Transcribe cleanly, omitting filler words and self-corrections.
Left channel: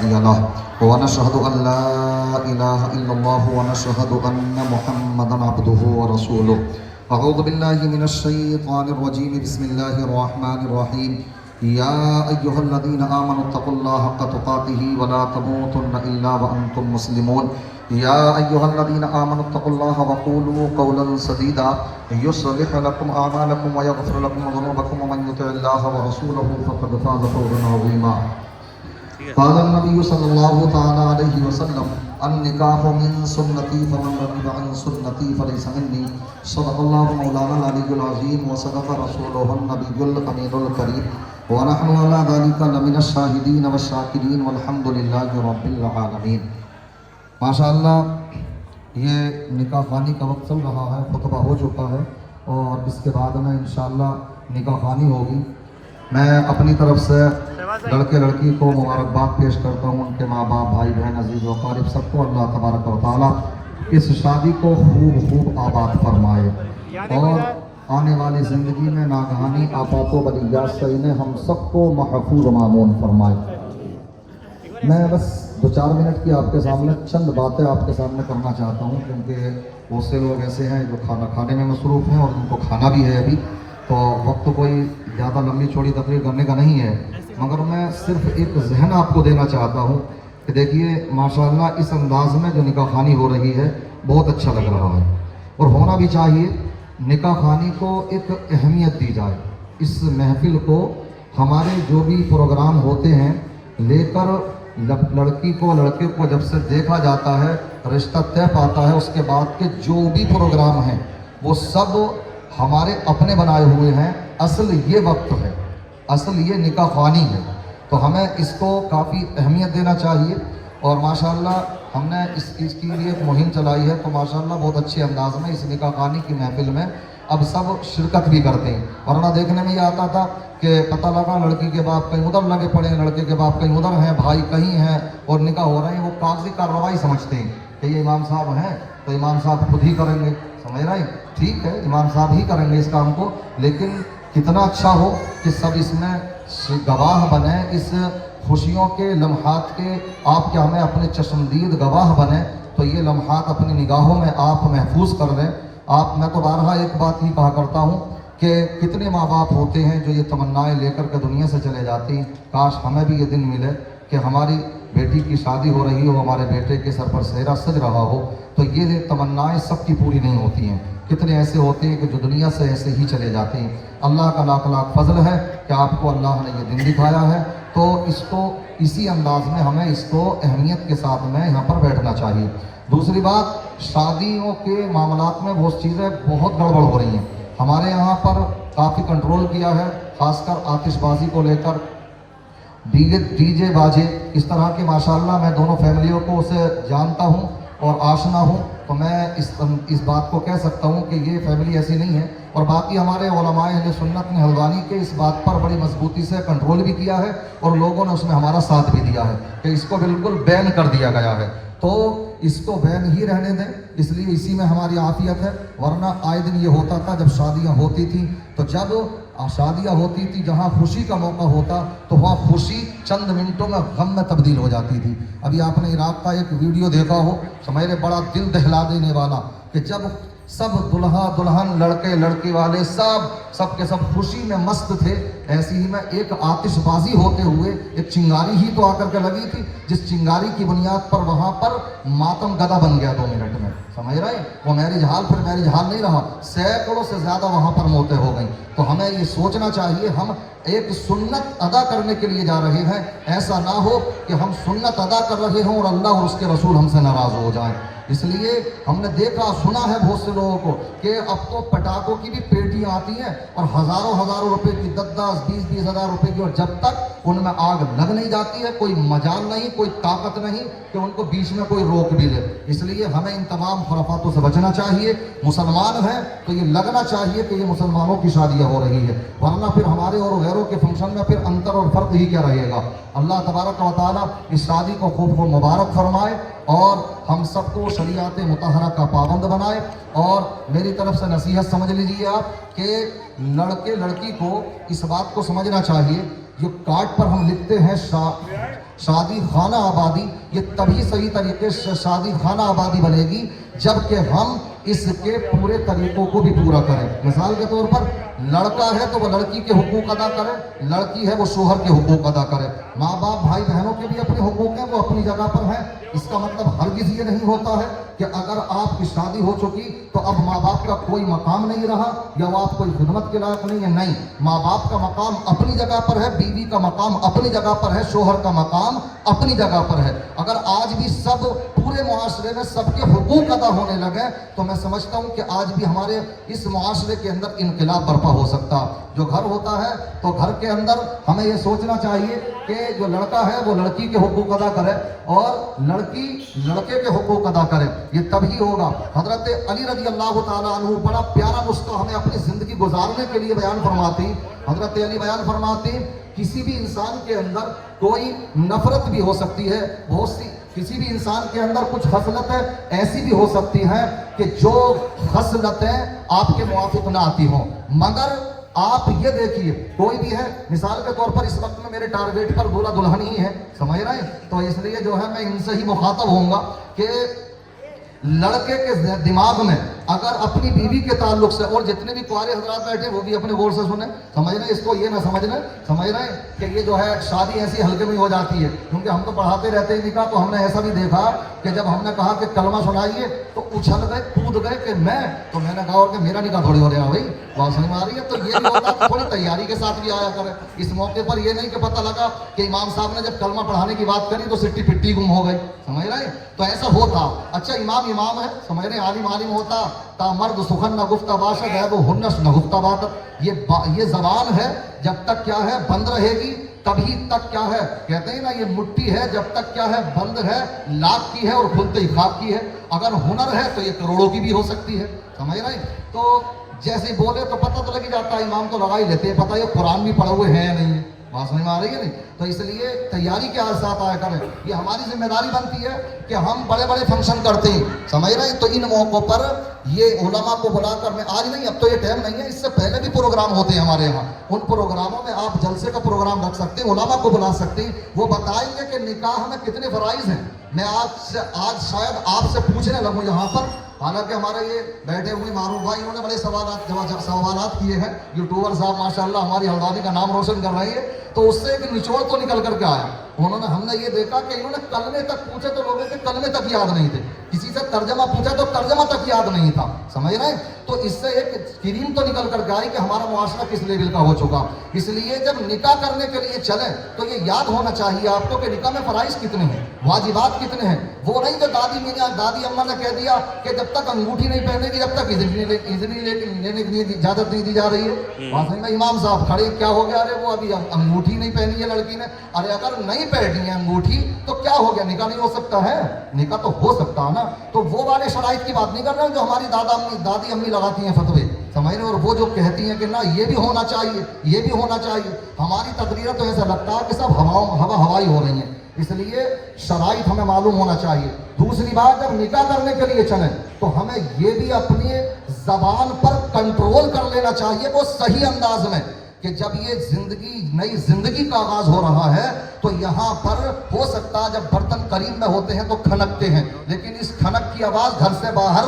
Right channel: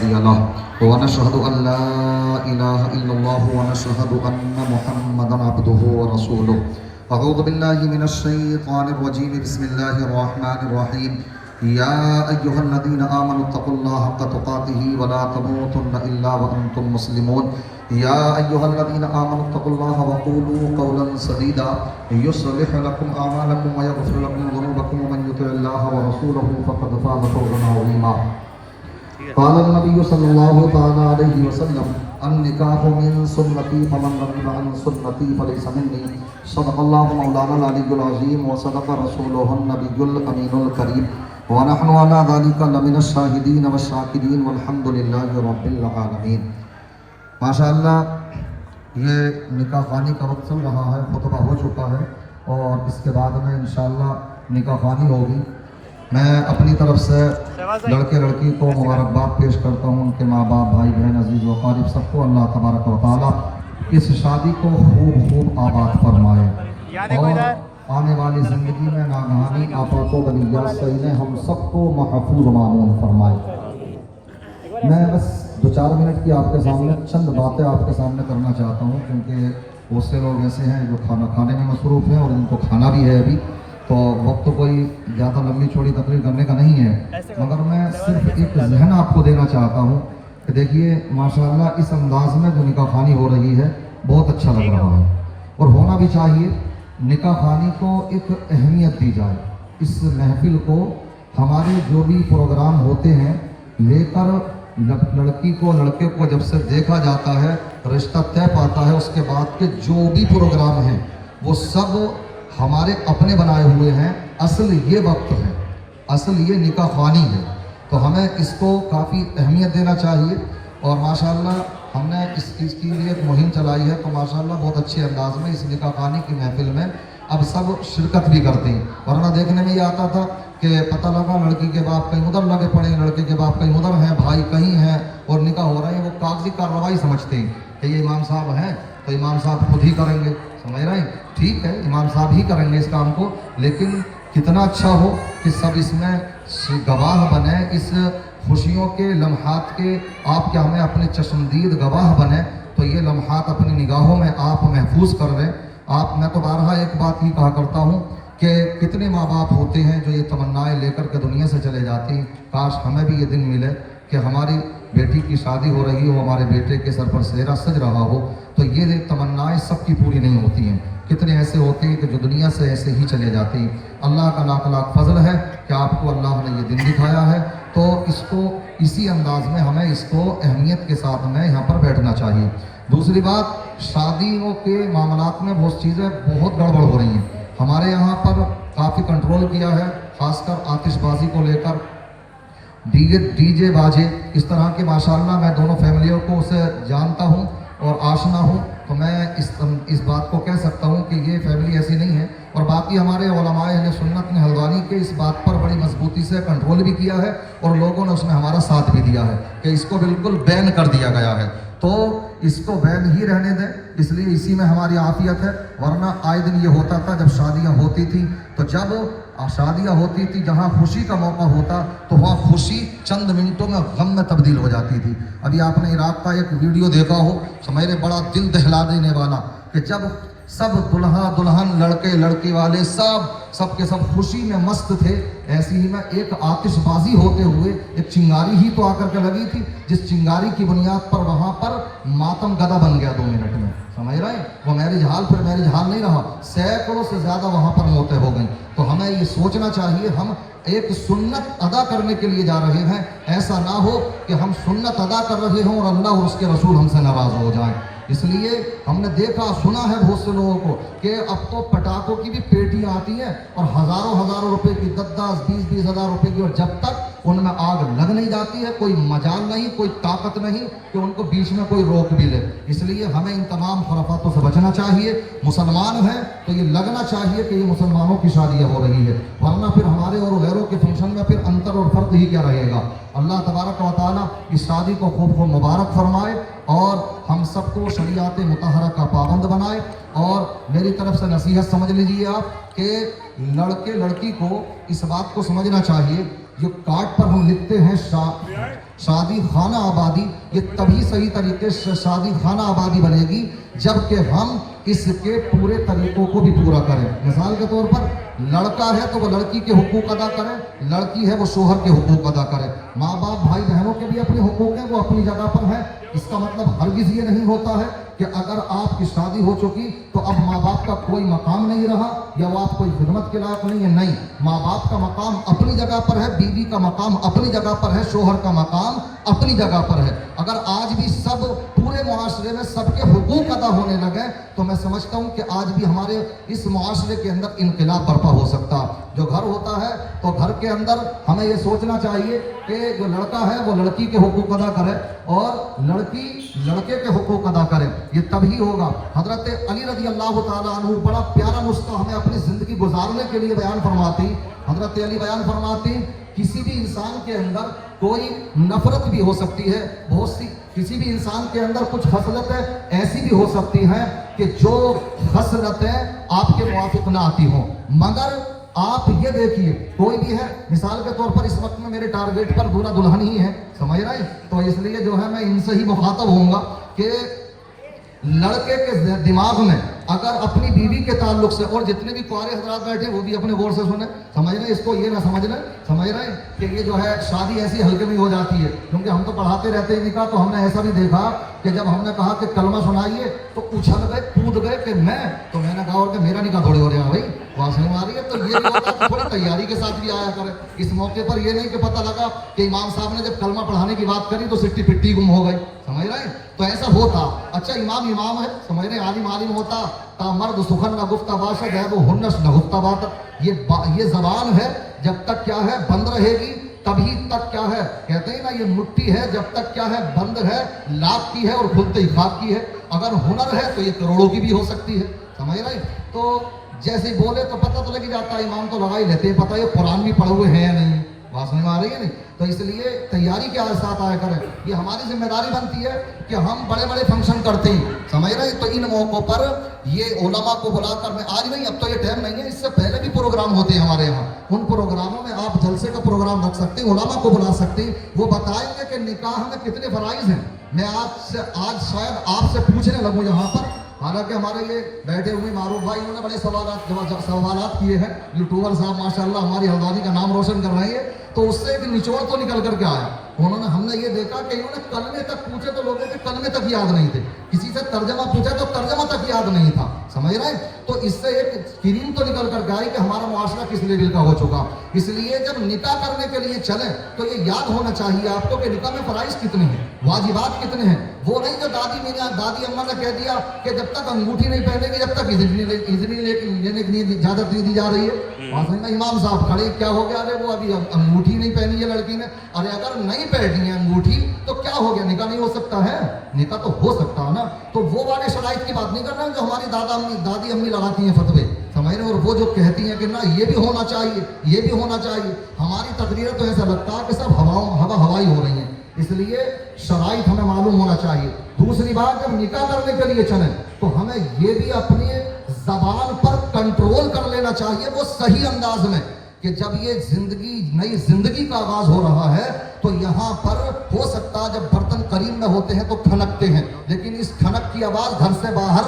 هادي له ونشهد أن لا إله إلا الله ونشهد أن محمدا عبده ورسوله. أعوذ بالله من الشيطان الرجيم. بسم الله الرحمن الرحيم. يا أيها الذين آمنوا اتقوا الله حق تقاته ولا تموتن إلا وأنتم مسلمون. يا أيها الذين آمنوا اتقوا الله وقولوا قولا سديدا يصلح لكم أعمالكم ويغفر لكم ذنوبكم ومن يطع الله ورسوله فقد فاز فوزا عظيما. قال النبي صلى الله تعالى عليه وسلم النكاح من سنتي فمن رغب عن سنتي فليس مني. صدق الله مولانا العلي العظيم وصدق رسوله النبي الأمين الكريم ونحن على ذلك لمن الشاهدين والشاكرين والحمد لله رب العالمين. माशाअल्लाह ये निकाह खानी का वक्त चल रहा है, खुतबा हो चुका है और इसके बाद में इंशाअल्लाह निकाह खानी होगी. मैं अपनी तरफ से लड़के लड़की को मुबारकबाद पेश करता हूँ, उनके माँ बाप भाई बहन अजीज़ व क़रीब सबको अल्लाह तबारक व तआला इस शादी को खूब आबाद फरमाए और आने वाली ज़िंदगी में नागहानी आफातों बलियात से इन्हें हम सबको महफूज मामून फरमाए. मैं बस 2-4 मिनट की आपके सामने चंद बातें आपके सामने करना चाहता हूँ, क्योंकि बहुत से लोग ऐसे हैं जो खाना खाने में मसरूफ़ हैं और उनको खाना भी है अभी, तो वक्त कोई ज़्यादा लंबी चौड़ी तकरीर करने का नहीं है. मगर मैं सिर्फ एक जहन आपको देना चाहता हूँ कि देखिए माशाअल्लाह इस अंदाज़ में जो निकाह खानी हो रही है बहुत अच्छा लग रहा है और होना भी चाहिए. निकाह खानी को एक अहमियत दी जाए. इस महफिल को हमारे जो भी प्रोग्राम होते हैं लेकर लड़की को लड़के को जब से देखा जाता है, रिश्ता तय पाता है, उसके बाद के जो भी प्रोग्राम हैं वो सब हमारे अपने बनाए हुए हैं. असल ये वक्त है, असल ये निकाह खानी है, तो हमें इसको काफ़ी अहमियत देना चाहिए. और माशाअल्लाह हमने इसके लिए एक मुहिम चलाई है, तो माशाअल्लाह बहुत अच्छे अंदाज में इस निकाह खानी की महफिल में अब सब शिरकत भी करते हैं. वरना देखने में ये आता था कि पता लगा लड़की के बाप कहीं उधर लगे पड़े हैं, लड़के के बाप कहीं उधर हैं, भाई कहीं हैं और निकाह हो रहे हैं. वो कागजी कार्रवाई समझते हैं कि ये इमाम साहब हैं तो इमाम साहब खुद ही करेंगे. समझ रहे हैं? ठीक है, इमाम साहब ही करेंगे इस काम को, लेकिन कितना अच्छा हो कि सब इसमें गवाह बने, इस खुशियों के लम्हात के आपके हमें अपने चश्मदीद गवाह बने. तो ये लम्हात अपनी निगाहों में आप महफूज कर लें. मैं तो बारहा एक बात ही कहा करता हूँ कि कितने माँ बाप होते हैं जो ये तमन्नाएं लेकर के दुनिया से चले जाती हैं. काश हमें भी ये दिन मिले कि हमारी बेटी की शादी हो रही हो, हमारे बेटे के सर पर सेहरा सज रहा हो. तो ये तमन्नाएं सबकी पूरी नहीं होती हैं. कितने ऐसे होते हैं कि जो दुनिया से ऐसे ही चले जाते हैं. अल्लाह का लाख लाख फजल है कि आपको अल्लाह ने ये दिन दिखाया है, तो इसको इसी अंदाज में हमें इसको अहमियत के साथ में यहाँ पर बैठना चाहिए. दूसरी बात, शादियों के मामलात में बहुत चीज़ें बहुत गड़बड़ हो रही हैं. हमारे यहाँ पर काफ़ी कंट्रोल किया है, ख़ासकर आतिशबाजी को लेकर, डीजे बाजे इस तरह के. माशाअल्लाह मैं दोनों फैमिलियों को उसे जानता हूँ और आशना हूँ, तो मैं इस बात को कह सकता हूँ कि ये फैमिली ऐसी नहीं है. और बाकी हमारे उलमाए अहले सुन्नत ने हल्द्वानी के इस बात पर बड़ी मजबूती से कंट्रोल भी किया है और लोगों ने उसमें हमारा साथ भी दिया है कि इसको बिल्कुल बैन कर दिया गया है. तो इसको बैन ही रहने दें, इसलिए इसी में हमारी आफियत है. वरना आए दिन ये होता था जब शादियाँ होती थी, तो जब शादियाँ होती थी जहाँ खुशी का मौका होता तो वहाँ खुशी चंद मिनटों में गम में तब्दील हो जाती थी. अभी आपने इराक का एक वीडियो देखा हो, मेरे बड़ा दिल दहला देने वाला, कि जब सब दुल्हा दुल्हन लड़के लड़की वाले सब के सब खुशी में मस्त थे, ऐसी ही में एक आतिशबाजी होते हुए एक चिंगारी ही तो आकर के लगी थी, जिस चिंगारी की बुनियाद पर वहाँ पर मातम गदा बन गया 2 मिनट में. समझ रहे हैं? वो मैरिज हाल फिर मैरिज हाल नहीं रहा, सैकड़ों से ज़्यादा वहाँ पर मौतें हो गई. तो हमें ये सोचना चाहिए हम एक सुन्नत अदा करने के लिए जा रहे हैं, ऐसा ना हो कि हम सुन्नत अदा कर रहे हों और अल्लाह और उसके रसूल हमसे नाराज़ हो जाएं. इसलिए हमने देखा सुना है बहुत से लोगों को कि अब तो पटाखों की भी पेटी आती है और हज़ारों रुपए की 10-20 हज़ार रुपए की, और जब तक उनमें आग लग नहीं जाती है कोई मजाल नहीं, कोई ताकत नहीं कि उनको बीच में कोई रोक भी ले. इसलिए हमें इन तमाम खुराफातों से बचना चाहिए. मुसलमान हैं तो ये लगना चाहिए कि ये मुसलमानों की शादियाँ हो रही है, वरना फिर हमारे और गैरों के फंक्शन में फिर अंतर और फ़र्क ही क्या रहेगा. अल्लाह तबारक व तआला इस शादी को खूब मुबारक फरमाए और हम सबको शरीयत मुतहरा का पाबंद बनाए. और मेरी तरफ से नसीहत समझ लीजिए आप कि लड़के लड़की को इस बात को समझना चाहिए, जो कार्ड पर हम लिखते हैं शादी खाना आबादी ये तभी सही तरीके से शादी खाना आबादी बनेगी जबकि हम इसके पूरे तरीकों को भी पूरा करें। मिसाल के तौर पर लड़का है तो वो लड़की के हुकूक अदा करे, लड़की है वो शोहर के हुकूक अदा करे। माँ बाप भाई बहनों के भी अपने हुकूक हैं, वो अपनी जगह पर हैं। इसका मतलब हरगिज़ ये नहीं होता है कि अगर आपकी शादी हो चुकी तो अब माँ बाप का कोई मकाम नहीं रहा या वो आप कोई खिदमत के लायक नहीं है। नहीं, माँ बाप का मकाम अपनी जगह पर है, बीवी का मकाम अपनी जगह पर है, शोहर का मकाम अपनी जगह पर है। अगर आज भी सब पूरे मुआशरे में सबके हुकूक अदा होने लगे तो मैं समझता हूँ कि आज भी हमारे इस मुआशरे के अंदर इनकलाब बर्पा हो सकता। जो घर होता है तो घर के अंदर हमें ये सोचना चाहिए कि जो लड़का है वो लड़की के हुकूक अदा करे और लड़की लड़के के हुकूक अदा करे। ये तभी होगा। हजरत अली रज़ी अल्लाह ताला अन्हु बड़ा प्यारा नुस्खा हमें अपनी जिंदगी गुजारने के लिए बयान फरमाती। हजरत अली बयान फरमाती, किसी भी इंसान के अंदर कोई नफरत भी हो सकती है, बहुत सी किसी भी इंसान के अंदर कुछ खसलतें ऐसी भी हो सकती हैं कि जो खसलतें आपके मुवाफिक ना आती हों, मगर आप ये देखिए कोई भी है, मिसाल के तौर पर इस वक्त में मेरे टारगेट पर दूल्हा दुल्हन ही है, समझ रहे हैं, तो इसलिए जो है मैं इनसे ही मुखातब होऊंगा कि लड़के के दिमाग में अगर अपनी बीवी के ताल्लुक से, और जितने भी कुआरे हजरात बैठे वो भी अपने गौर से सुने, समझ रहे हैं, इसको ये ना समझ रहे हैं कि ये जो है शादी ऐसी हल्के में हो जाती है। क्योंकि हम तो पढ़ाते रहते ही निकाह, तो हमने ऐसा भी देखा कि जब हमने कहा कि कलमा सुनाइए तो उछल गए, कूद गए कि मैं, तो मैंने कहा और कि मेरा निकाह थोड़ी हो रहा है भाई, बात समझ में आ रही है। तो ये भी होता है, थोड़ी तैयारी के साथ भी आया करे। इस मौके पर ये नहीं कि पता लगा कि इमाम साहब ने जब कलमा पढ़ाने की बात करी तो सिट्टी पिट्टी गुम हो गई, समझ रहे हैं, तो ऐसा होता। अच्छा, इमाम है, समझ रहे, आलिम होता, ता मर्द सुखन न गुफ्ता बाशद है वो हुन्नस न गुफ्ता बात। ये जबान है जब तक क्या है बंद रहेगी तभी तक क्या है, कहते हैं ना, ये मुट्ठी है जब तक क्या है बंद है, लाख की है और खुलते ही खाक की है। अगर हुनर है तो ये करोड़ों की भी हो सकती है, समझ रहे। तो जैसे ही बोले तो पता तो लग जाता है, इमाम तो लगा ही लेते हैं पता, ये कुरान भी पढ़े हुए हैं या नहीं, बात समझ में आ रही है नहीं। तो इसलिए तैयारी के साथ आया करें। ये हमारी जिम्मेदारी बनती है कि हम बड़े बड़े फंक्शन करते हैं, समझ रहे हैं, तो इन मौक़ों पर ये उलमा को बुलाकर, मैं आज नहीं, अब तो ये टाइम नहीं है, इससे पहले भी प्रोग्राम होते हैं हमारे यहाँ, उन प्रोग्रामों में आप जलसे का प्रोग्राम रख सकते हैं, उलमा को बुला सकते हैं, वो बताएंगे कि निकाह में कितने फराइज हैं। मैं आज शायद आपसे पूछने लगूँ यहाँ पर, हालांकि हमारा ये बैठे हुए मारूफ भाई उन्होंने बड़े सवालात किए हैं, यूट्यूबर साहब माशाल्लाह हमारी हरदादी का नाम रोशन कर रही है, तो उससे एक निचोड़ तो निकल करके आया। हमने ये देखा कि इन्होंने कलमे तक पूछे तो लोगों के कलमे तक याद नहीं थे, किसी से तर्जमा पूछा तो तर्जमा तक याद नहीं था, समझ रहे हैं। तो इससे एक क्रीम तो निकल कर गई कि हमारा मुआशरा किस लेवल का हो चुका। इसलिए जब निकाह करने के लिए चले तो ये याद होना चाहिए आपको कि निकाह में फराइज कितने हैं, वाजिबात कितने हैं। वो नहीं जो दादी अम्मा ने कह दिया कि जब तक अंगूठी नहीं पहनेगी जब तक इजनी लेने की इजाजत नहीं दी जा रही है। इमाम साहब खड़े, क्या हो गया, अरे वो अभी अंगूठी नहीं पहनी है लड़की ने, अरे अगर नहीं पहनी है अंगूठी तो क्या हो गया, निकाह नहीं हो सकता है, निकाह तो हो सकता है ना। तो वो वाले शराइत की बात नहीं कर रहे हैं जो हमारी दादी अम्मी लगाती हैं फतवे, समझ रहे, और वो जो कहती हैं कि ना ये भी होना चाहिए, ये भी होना चाहिए। हमारी तकरीर तो ऐसा लगता है कि सब हवाई हो रही हैं। इसलिए शराइत हमें मालूम होना चाहिए। दूसरी बात, जब निकाह करने के लिए चलें तो हमें ये भी अपनी जबान पर कंट्रोल कर लेना चाहिए, वो सही अंदाज में, कि जब ये नई जिंदगी का आगाज हो रहा है तो यहाँ पर हो सकता है जब बर्तन करीब में होते हैं तो खनकते हैं, लेकिन इस खनक की आवाज घर से बाहर